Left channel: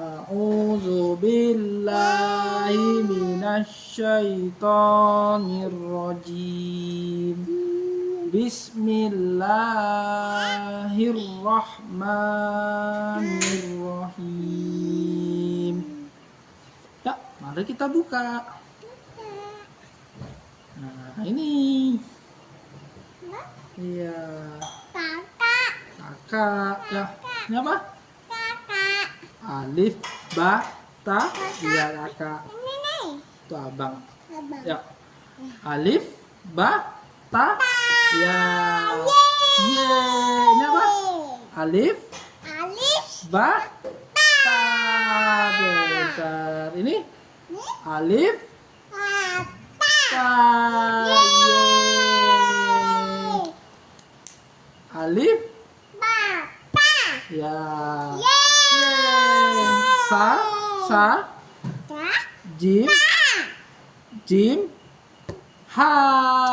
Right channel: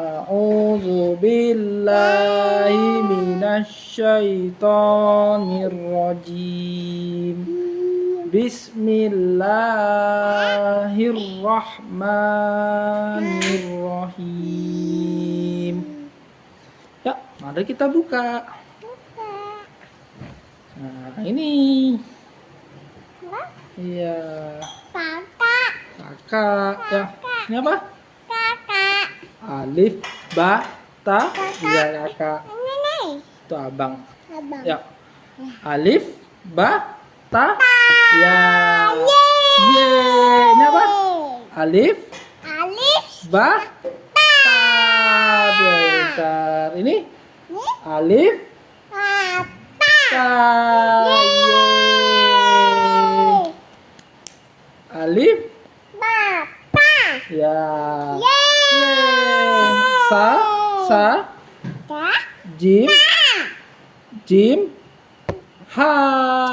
A'udzu billahi minasyaitonir rajim. Bismillahirrahmanirrahim. Ya, mari kita buka. Nah, ini. Iya. Kakak. Ya. Ini apa? Alif, ba, ta. Iya, kakak. Itu abang. Ya. Alif, ba, ta. Ya. Yeay. Ini apa? Alif, ba, ta. Besar. Ini alif, ta. Yeay. Alif, ya. Sa, jim, ha.